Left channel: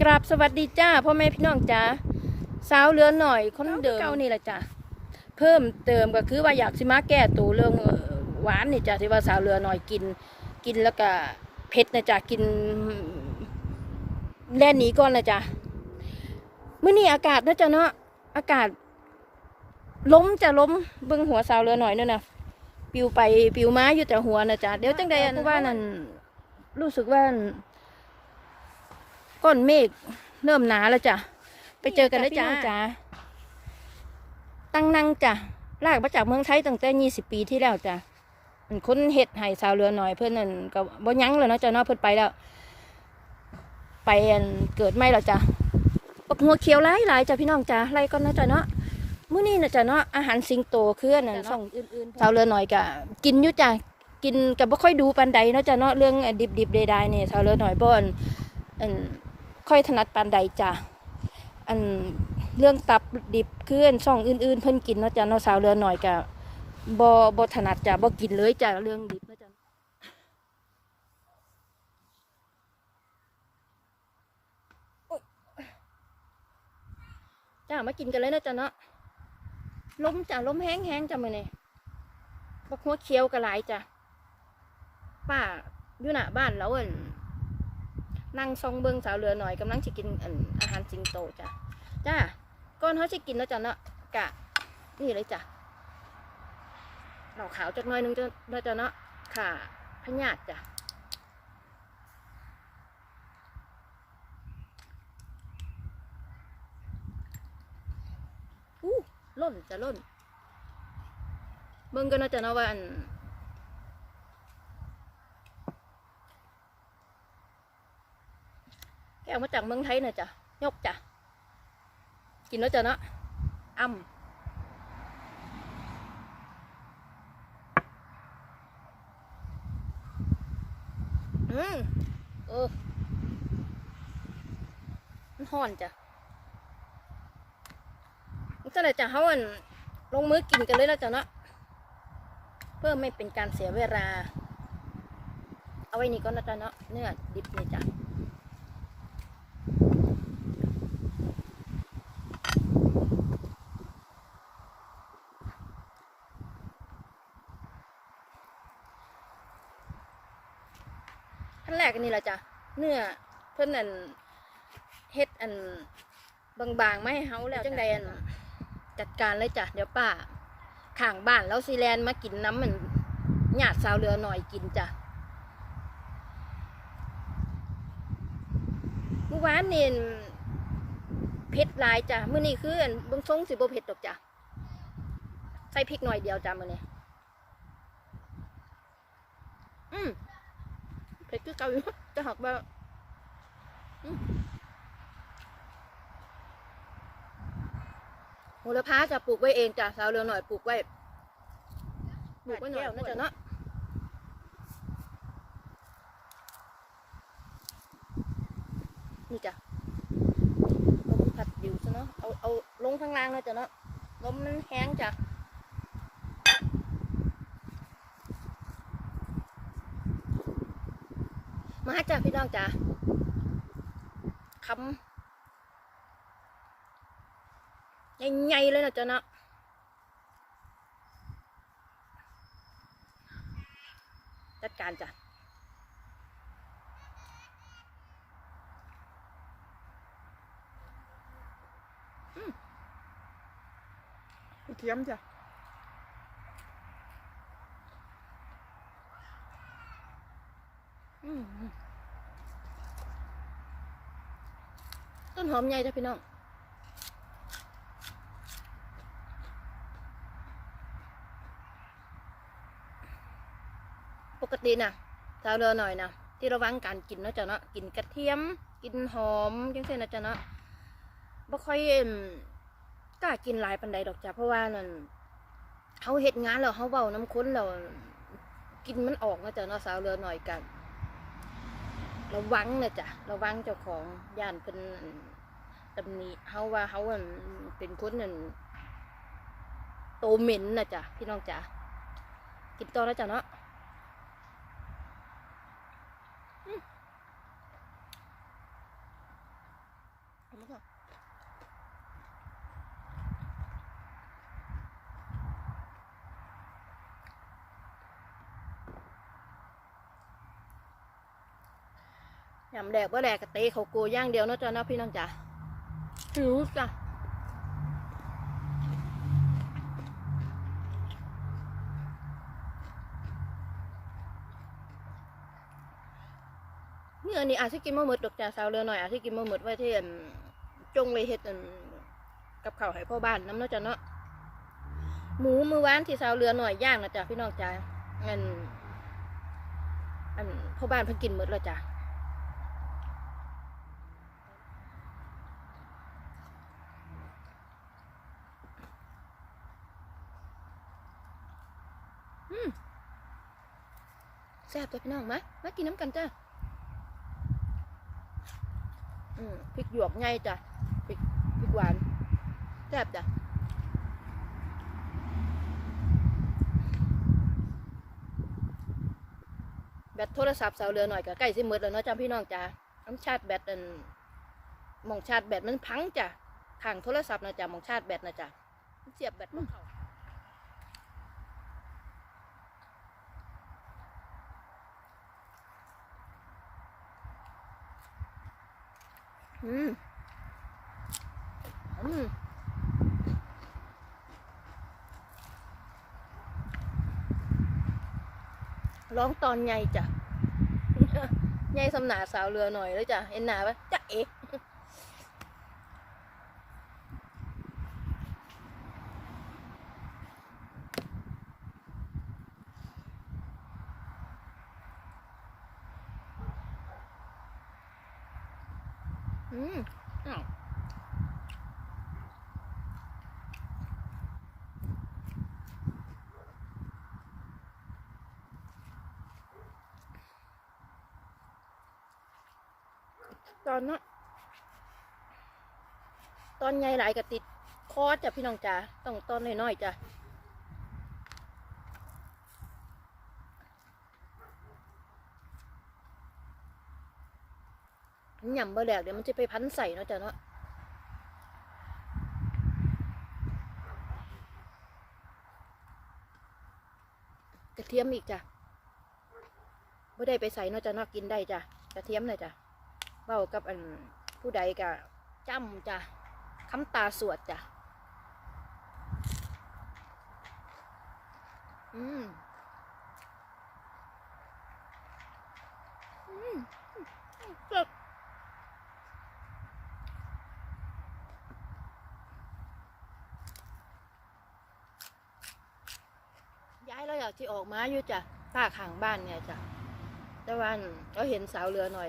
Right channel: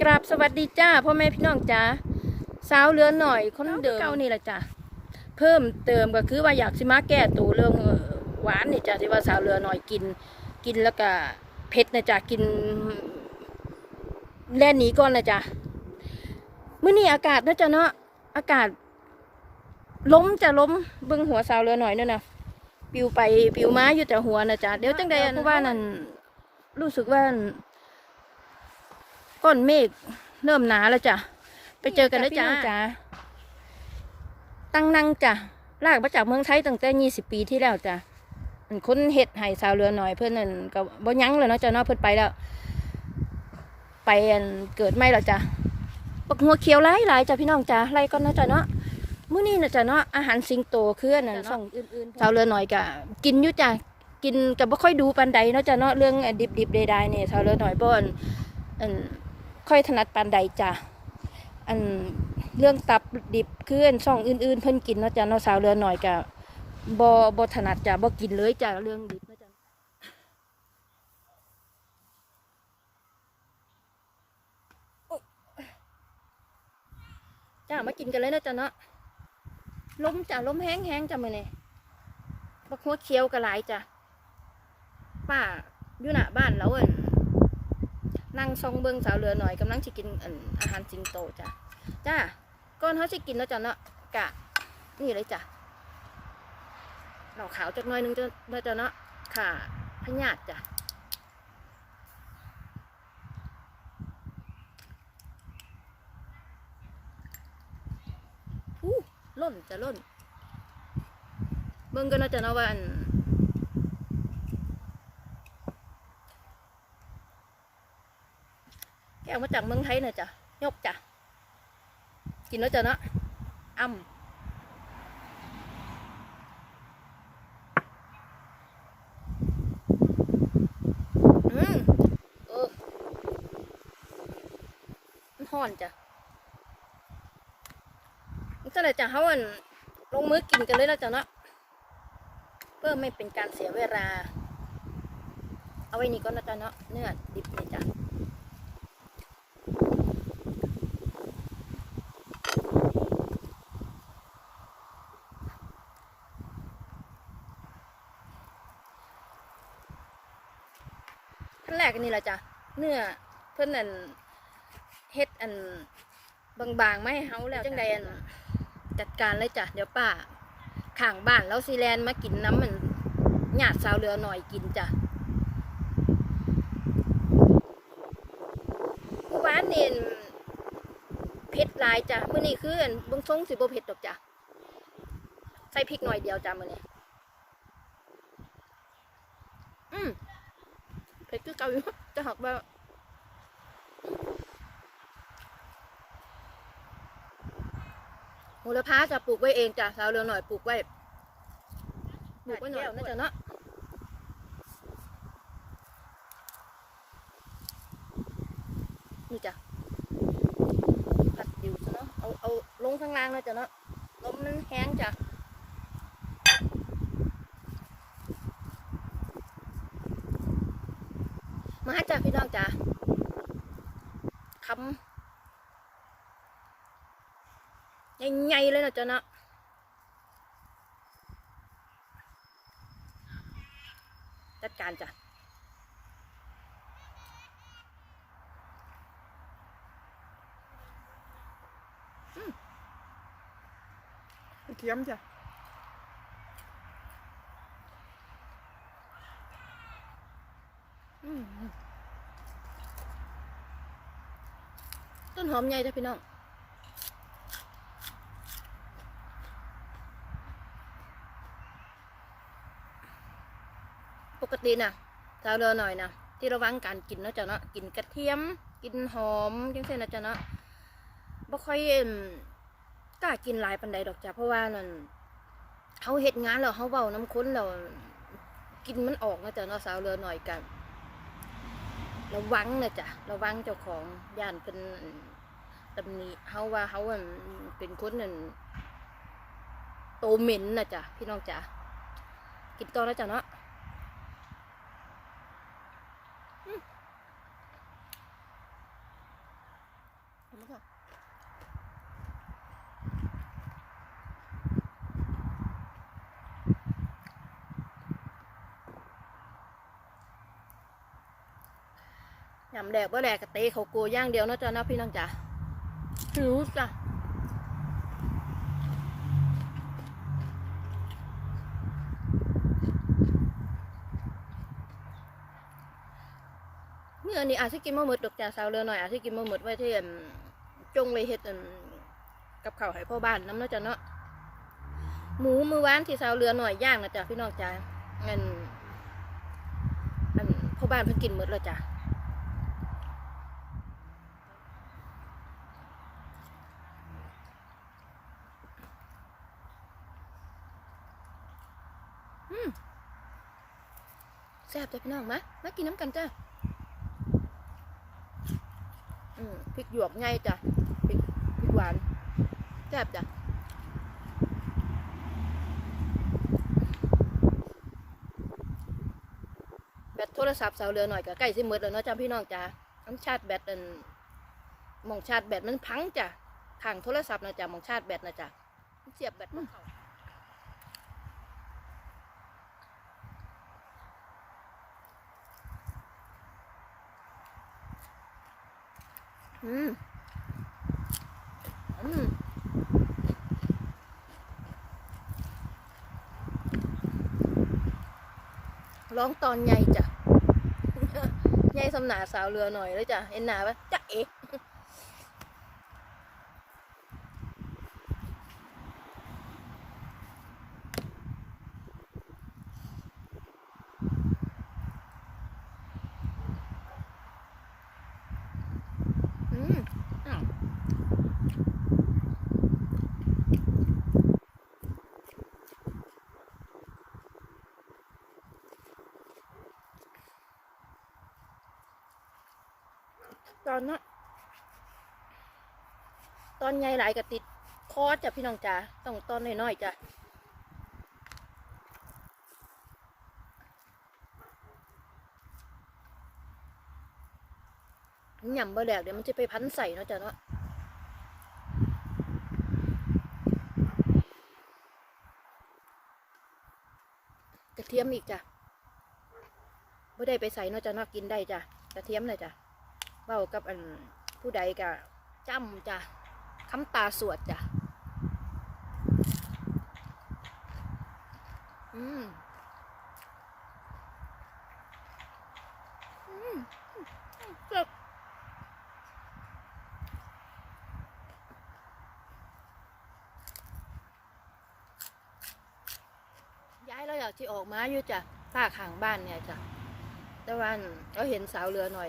กราบสวัสดีจ้าพ่อแม่พี่น้องจ้าสาวเหลือหน่อยคนเดิมเก่านี่แหละจ้าเพิ่มเติมก็คือว่าอยากสิมาแก้ตัวเรื่องเอ่อหวานนี่จ้าที่ว่าสาวเหลือหน่อยกิน กินแล้วก็เผ็ดนะจ้ากินแล่นหนีก่อนนะจ้ามื้อนี้อากาศนะจ้าเนาะอากาศ ล้มจะล้มเบิ่งหัวสาวเหลือหน่อยนั่นน่ะปิวไปปิวมาอยู่แต่หัวนะจ้าเดี๋ยวจังใดอันว่านั่นรู้สึกว่า ก้อนเมฆเริ่มหนาแล้วจ้ะไปเจอกันแล้วจ้าจ้าตั้งนั่งจ้ะลากมาจากเมืองไทยตั้งแต่ยี่สิบปีที่แล้วจ้ะอันคนเห็ดไห้สาวเรือหน่อยเพื่อนนั่นก็บ่ยั้งเลยเนาะจ้ะเนาะเพื่อนไปแล้ว ไปอันเกิดไม่แล้วจ้ะปักหัวเขียวหลายหลายๆจ้ะพี่น้องจ้ะไล่ก่อนเนาะจ้ะเนาะมื้อนี้นะจ้ะเนาะอาหารสิงโตเคลื่อนนั่นส่องอื่นๆสาวเรือหน่อยกะกินอยู่จ้ะกินกับบ่ค่อยดูปานใดเนาะจ้ะเนาะเรื่องดิบๆใดๆเนี่ยสาวเรือหน่อยบ่อันอัน ค่อยถนัดปานใดจ้ะอันเรื่องตับดิบเคลื่อนช่องอื่นๆ เพิ่นกินเนาะจ้ะเนาะสาวเรือหน่อยกะบ่บ่ถนัดจ้ะบ่กินเลยจ้ะเรื่องดิบเนาะจ้ะจ้ามากินกันเลยนาะจ้ะเนาะล้มจ้ะล้มแห้งๆจ้ะมือนี้บักหัวเขียวก็หลายจ้ะป้าอยู่หน้าบ้านแล้วอั่น นั่งซองเบิงสาวเรือหน่อยกำลังจะกินอาหารสิงโตจ้ะจ้าก่อนเขาจะกินแล้วจ้ะเนาะกะ นี่เลยจ้ะเหล่าขาวจักหน่อยหนึงจ้ะเนาะจ้ะเนาะค่ะพญาตจ้ะอู้ล่นจะล่นเบิ่งกันเนาะจ้ะเนาะว่าอัน แกเอามาจากเมืองไทยนะจ้ะยกจ้ะกินแล้วจ้ะเนาะอ้ำอืมเออมันห่อนจ้ะนี่ก็เลยจะเขาอันลงมือกินกันเลยแล้วจ้ะเนาะเพื่อไม่เป็นการเสียเวลา เอาไว้นี่ก็นะจ๊ะเนาะเนื้อดิบนี่จ้ะ แรกอันนี้แหละจ้ะเนื้อเพิ่นอันเฮ็ดอันบางๆไม่ให้เฮาแล้วจังใดอันจัดการเลยจ้ะเดี๋ยวป้าข้างบ้านแล้วซีแลนด์มากินน้ำมันหยาดสาวเรือหน่อยกินจ้ะเมื่อวานนี่เผ็ดหลายจ้ะมื้อนี้คืออันเบิ่งทรงสิบ่เผ็ดดอกจ้ะใส่พริกหน่อยเดียวจ้ะมื้อนี้อืม เผ็ดคือเก่าอยู่จะหักว่าอืมโหระพาจะปลูกไว้เองจ้ะสาวเรือหน่อยปลูกไว้ปลูกไว้หน่อยน่าจะเนาะนี่จ้ะลมพัดอยู่ซะเนาะเอาเอาลงข้างล่างนะจ้ะเนาะลมมันแห้งจ้ะ มาจ้ะพี่น้องจ้ะคำใหญ่ๆเลยนะจ๊ะเนาะจัดการจ้ะเทียมจ้ะ อืม ต้นหอมใหญ่จ้ะพี่น้องปกตินะสาวเรือหน่อยนะที่ระวังการกินเนาะจ้ะเนาะกินกระเทียม กินหอมจังเส้นนะจ้ะเนาะบ่ค่อยกล้ากินหลายปันใดดอกจ้ะเพราะว่านั่นเขาเฮ็ดงานแล้วเขาเว้าน้ำค้นแล้วกินมันออกนะจ้ะเนาะสาวเรือหน่อยกัน ระวังนะจ้ะระวังเจ้าของย่านเป็นตำหนิเฮาว่าเฮาเป็นคนนั่นโตเหม็นนะจ้ะพี่น้องจ้ะกินต่อแล้วจ้ะเนาะ ห็นไหมคะ ยำแดกบ่แดกกะเตะเขาโกย่างเดียวนะจ้ะนาะพี่น้องจ๋าหิวจ้ะเมื่อนี้อาจสิกินมะหมดดอกจ้าสาวเรือหน่อยอาจสิกินมะหมดไว้ที่จงไว้เฮ็ดกับข้าวให้พ่อบ้านน้ำนาะจ้ะเนาะหมูมือวานที่สาวเรือหน่อยย่างนะจ้ะพี่น้องจ้าอันอันพ่อบ้านเพิ่นกินหมดแล้วจ้ะ แซ่บจ้ะพี่น้องมามากินน้ำกันจ้ะอืมพริกหยวกไงจ้ะพริกพริกหวานแซ่บจ้ะแบตโทรศัพท์เสาเรือหน่อยก็ใกล้สิหมดแล้วเนาะจ้ะพี่น้องจ้ะน้ำชาร์จแบตอันมองชาร์จแบตมันพังจ้ะข้างโทรศัพท์นะจ้ะมองชาร์จแบตนะจ้ะเสียบแบตมันเขา อืมอืมร้องตอนใหญ่จ้ะใหญ่สำนาสาวเรือหน่อยแล้วจ้ะเอ็นนาปะจ้ะเอ๊ะ อืมอ้าว ตอนนั้นตอนใหญ่หลายกะติดคอจ้ะพี่น้องจ๋าต้องตอนน้อยๆจ้ะยำบะแหลกเดี๋ยวมันจะไปพันใส่เนาะจ้ะเนาะกระเทียมอีกจ้ะบ่ได้ไปใส่เนาะจ้ะเนาะกินได้จ้ะกระเทียมเลยจ้ะ เว้ากับอันผู้ใดกะจ้ำจ้ะคำตาสวดจ้ะอืมอืมเจ็บย้ายเราอยากที่ออกมาอยู่จ้ะป้าข้างบ้านเนี่ยจ้ะแต่วันเราเห็นสาวเรือหน่อย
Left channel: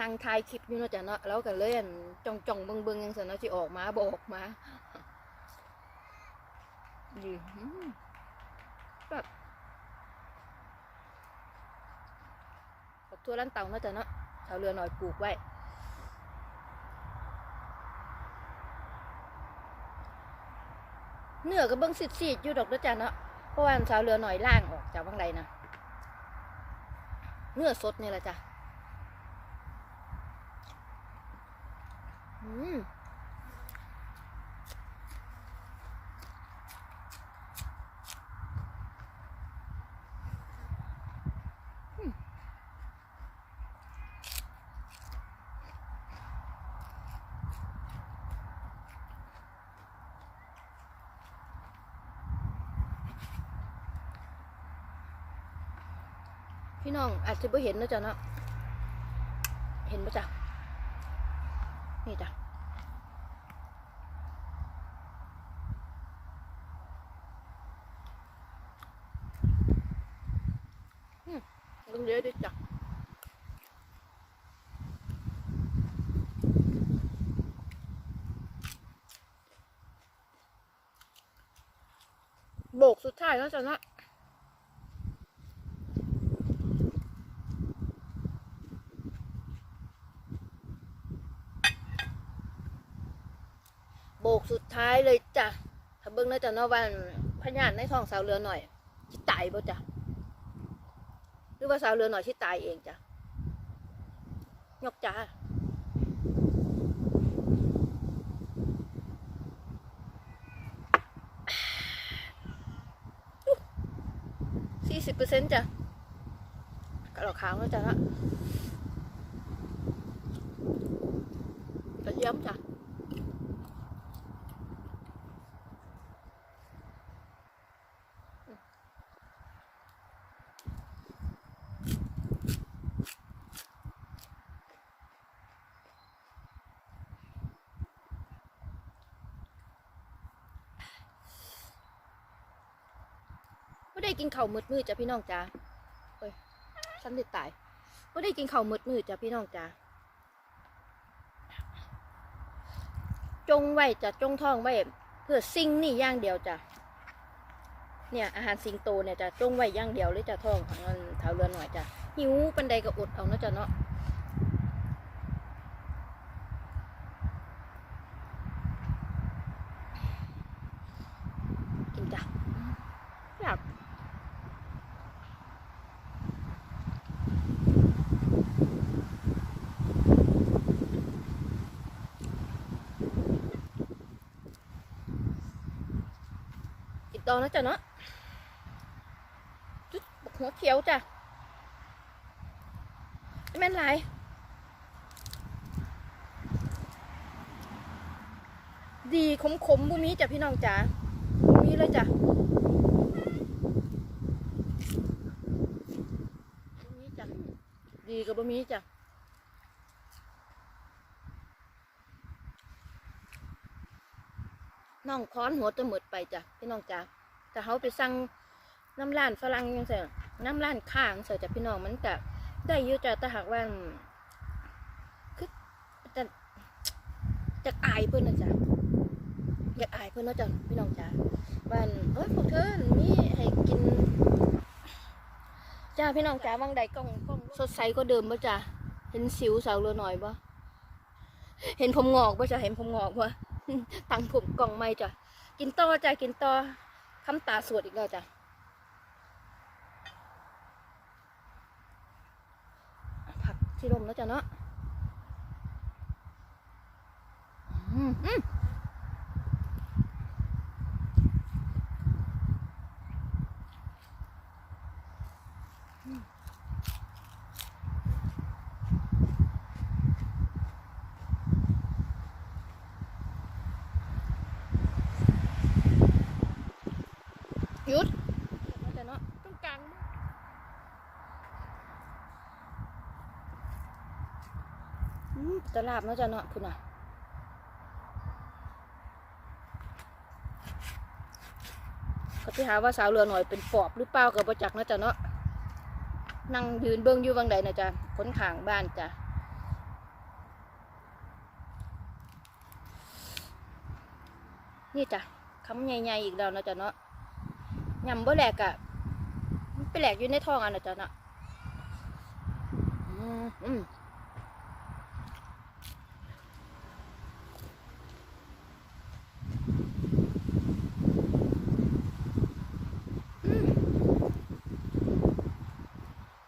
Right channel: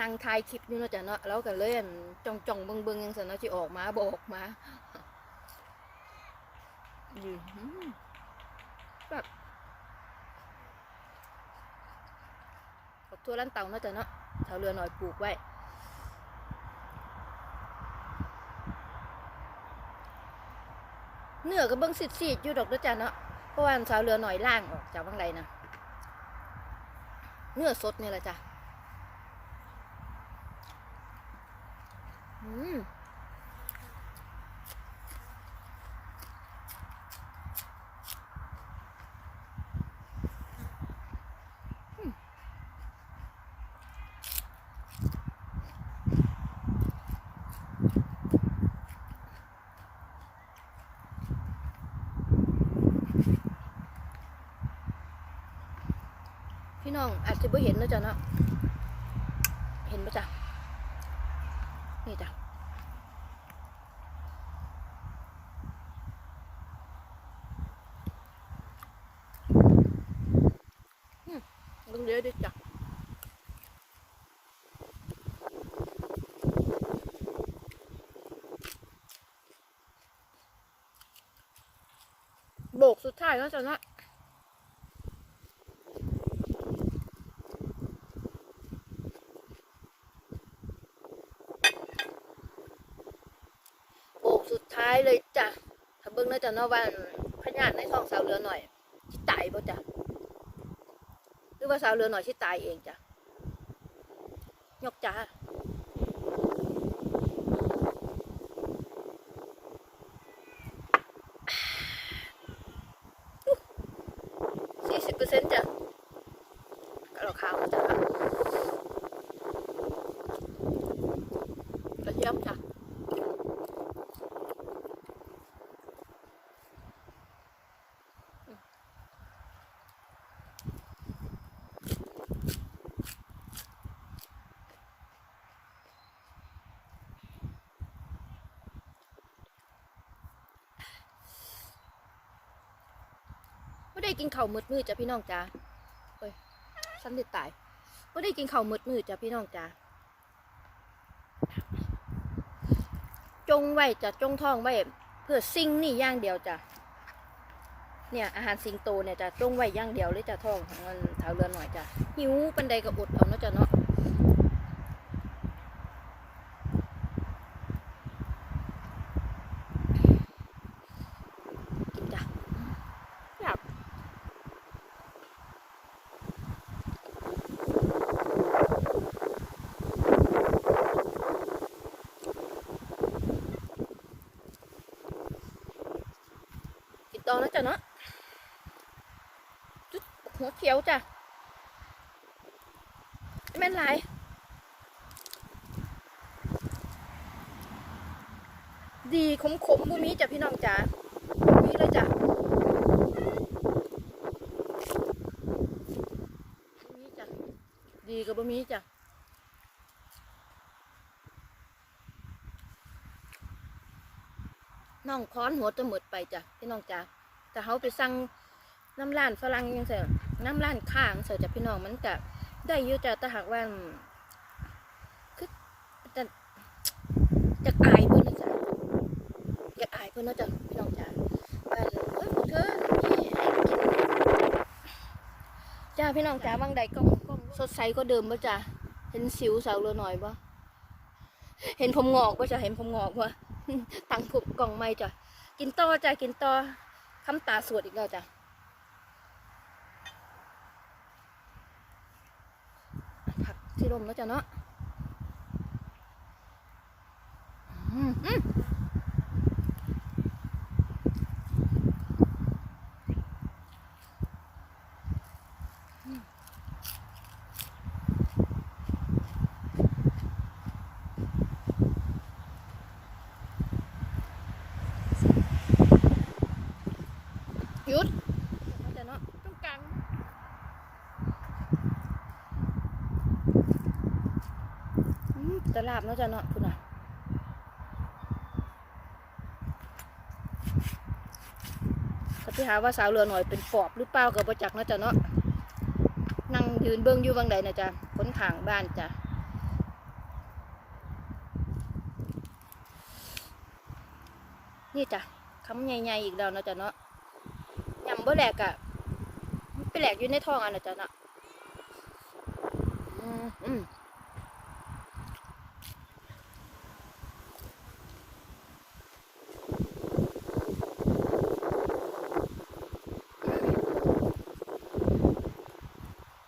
นั่งถ่ายคลิปอยู่เนาะจ้ะเนาะเราก็เล่นจ้องจ้องเบิ่งเบิ่งยังสันเนาะที่ออกมาบอกมาอยู่แบบดอกทั่วลันเต่าเนาะจ้ะเนาะสาวเรือหน่อยปลูกไว้เนื้อก็เบิ่งสิดๆอยู่ดอกด้อจ้ะเนาะเพราะว่าสาวเรือหน่อยล่างออกจากบางไรนะเนื้อสดนี่แหละจ้ะ อืม อืม พี่น้องอาจจะไม่เห็นนะจ๊ะเนาะเห็นปะจ๊ะ นี่จ้ะ อืมลงเยอะด้วยจ้ะ โบกสุ ดท้ายแล้วจ้ะเนาะโบกสุดท้ายเลยจ้ะถ้าเบิ่งน่าจะเนาะว่าพญาติในท้องสาวเรือหน่อยที่ตายบ่จ้ะหรือว่าสาวเรือหน่อยที่ตายเองจ้ะยกจ้า สิบเปอร์เซ็นต์จ้ะกระดอกขาวนะจ๊ะนะกระเทียมจ้ะ ไม่ได้กินข้าวมืดมืดจ้ะพี่น้องจ้าเอ้ยฉันเด็ดตายไม่ได้กินข้าวมืดมืดจ้ะพี่น้องจ้าจงไว้จะจงท้องไว้เพื่อสิ่งนี่อย่างเดียวจ้ะเนี่ยอาหารสิงโตเนี่ยจะจงไว้อย่างเดียวเลยจ้ะท้องของมันเท้าเรือหน่อยจ้ะหิวปันใดก็อดเอาเนาะจ้ะเนาะกินจ้ะอยาก ต่อนะจ๊ะเนาะจุดหัวเขียวจ้ะไม่แม่นไรดีขมขมบุมีจ้ะพี่น้องจ้ะบุมีเลยจ้ะบุมีจ้ะ ดีกับบุมีจ้ะน้องค้อนหัวจะหมดไปจ้ะพี่น้องจ้ะ แต่เขาไปสั่งน้ำร้านฝรั่งยังเสียน้ำร้านข้างเสียจ้ะพี่น้องมันก็ได้ยู่จ้ะแต่หากว่าคือจะจะอายเพื่อนนะจ๊ะอยากอายเพื่อนนะจ๊ะพี่น้องจ้ะว่าเอ้ยพวกเธอนี่ให้กินจ้าพี่น้องจ้าบางใดกล้องกล้องสดใสก็เดิมป่ะจ้ะเห็นสิวสาวเรือหน่อยป่ะเห็นผมงอกป่ะจ้ะเห็นผมงอกป่ะตั้งผมกล่องไม่จ้ะกินต่อจ้ะกินต่อ คำตาสวดอีกแล้วจ้ะผักที่ลมแล้วจ้ะเนาะอืม ยุดแล้วจ้ะเนาะตรงกลางตลาบแล้วจ้ะเนาะคุณน่ะก็ที่หาว่าสาวเรือหน่อยเป็นปอบหรือเปล่ากับประจักษ์เนาะจ๊ะเนาะนั่งยืนเบิ้องอยู่วังใดนะจ๊ะคนขางบ้านจ้ะนี่จ้ะคำใหญ่ๆอีกแล้วนะจ๊ะเนาะ ยำบ่แหลกอะไปแหลกอยู่ในท้องอันนะจ๊ะนะอืมอืม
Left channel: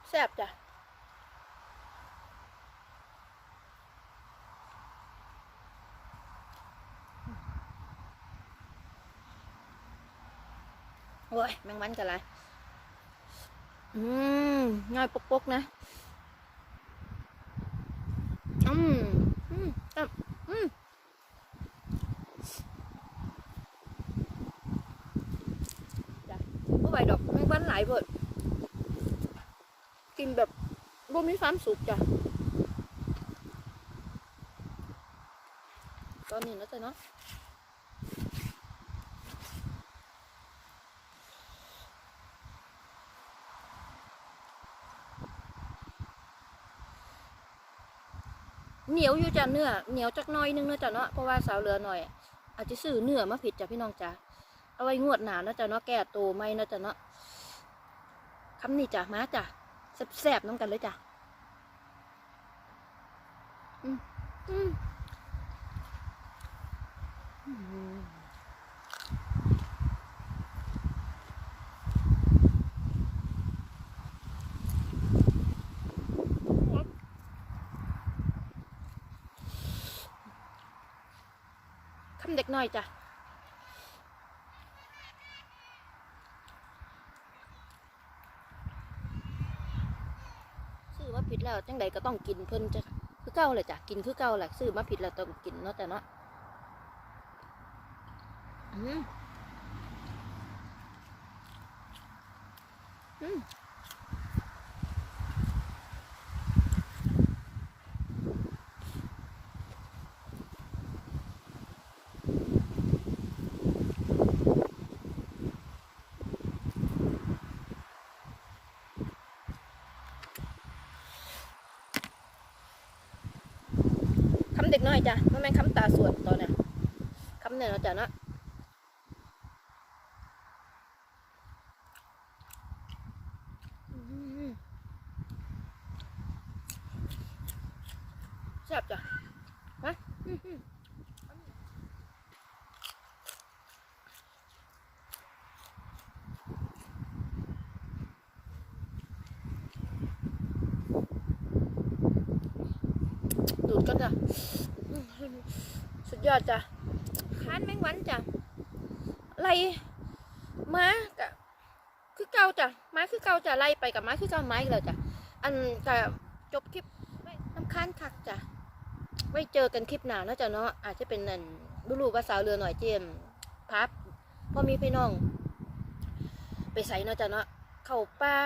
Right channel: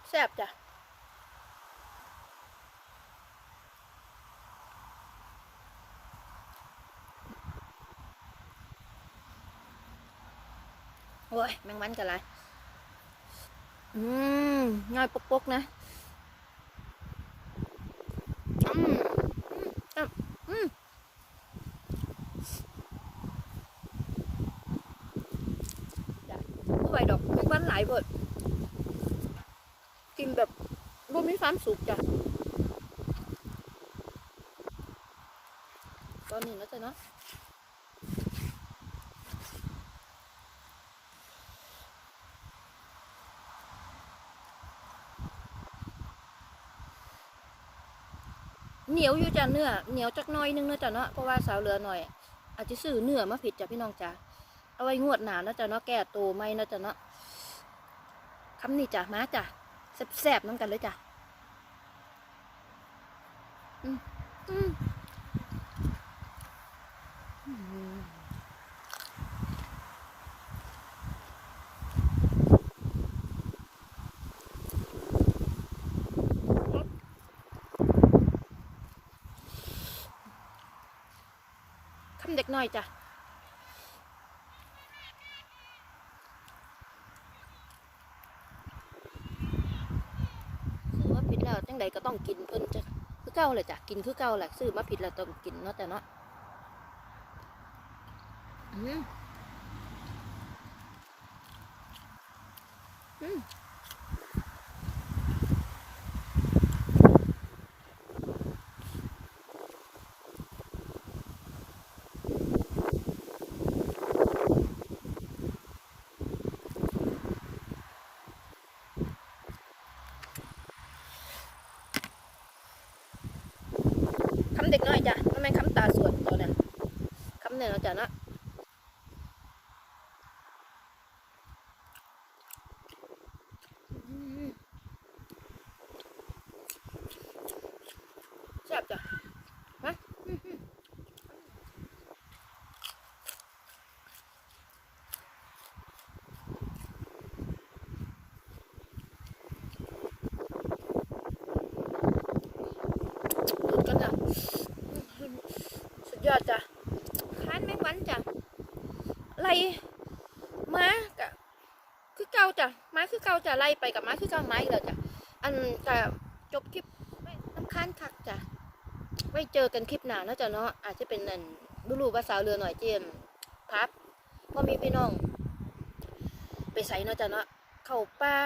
แซ่บจ้ะ โอ้ยแมงวันกันไรอืมง่ายปกๆนะ อืม อืมอะอืมจ้ะบ่ไหวดอกแมงวันหลายเบิดกินแบบบ่มีความสุขจ้ะ ตอนนี้นะจ๊ะเนาะ เหนียวอยู่จ้ะเนื้อเหนียวจักหน้อยนึงเนื้อจ้ะเนาะเพราะว่าสาวเรือหน่อย อาจจะซื้อเนื้อมาผิดจ้ะพี่น้องจ้ะเอาไว้งวดหนานะจ้ะเนาะแก่โตไม่นะจ้ะเนาะคำนี้จ้ะมาจ้ะแสบๆน้ำกันเลยจ้ะอืมอืม็กน้อยจ้ะซื้อมาผิดแล้วจังใดก็ต้องกินเพิ่นจะคือเก่าเลยจ้ะกินคือเก่าแหละซื้อมาผิดแล้วต้องกินเนาะแต่เนาะอืม เด็กน้อยจ้ะมันแม่นคำตาสวดตัวเนี่ยคำเนี่ยเนาจ้ะนะแซ่บจ้ะฮะดูดกันจ้ะ ยอดจ้ะค้านแมงวันจ้ะไล่ม้ากะคือเก่าจ้ะไม้คือเก่าจ้ะไล่ไปกับไม้คือเก่าไม้อีกแล้วจ้ะอันกะจบคลิปน้ำค้านคักจ้ะไว้เจอกันคลิปหน้าเนาะจ้ะเนาะอาจจะเป็นนั่นดูรูภาษาวเรือหน่อยเจมพับพอมีพี่น้อง ไปใส่เนาะจ้ะเนาะเข้าป่า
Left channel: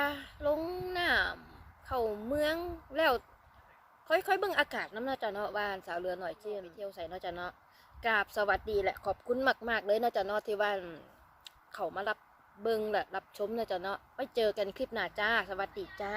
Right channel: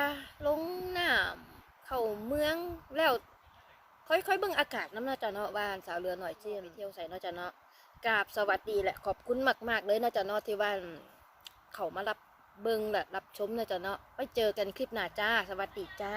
ลงน้ำเข้าเมืองแล้วค่อยๆเบิ่งอากาศน้ำเนาะจ้ะเนาะบ้านสาวเรือหน่อยเจียมไปเที่ยวใส่เนาะจ้ะเนาะ กราบสวัสดีแหละขอบคุณมาก ๆ เลยนาะจ๊ะเนาะที่ว่าเขามารับเบิ้งแหละรับชมนาะจ๊ะเนาะไปเจอกันคลิปหน้าจ้า สวัสดีจ้า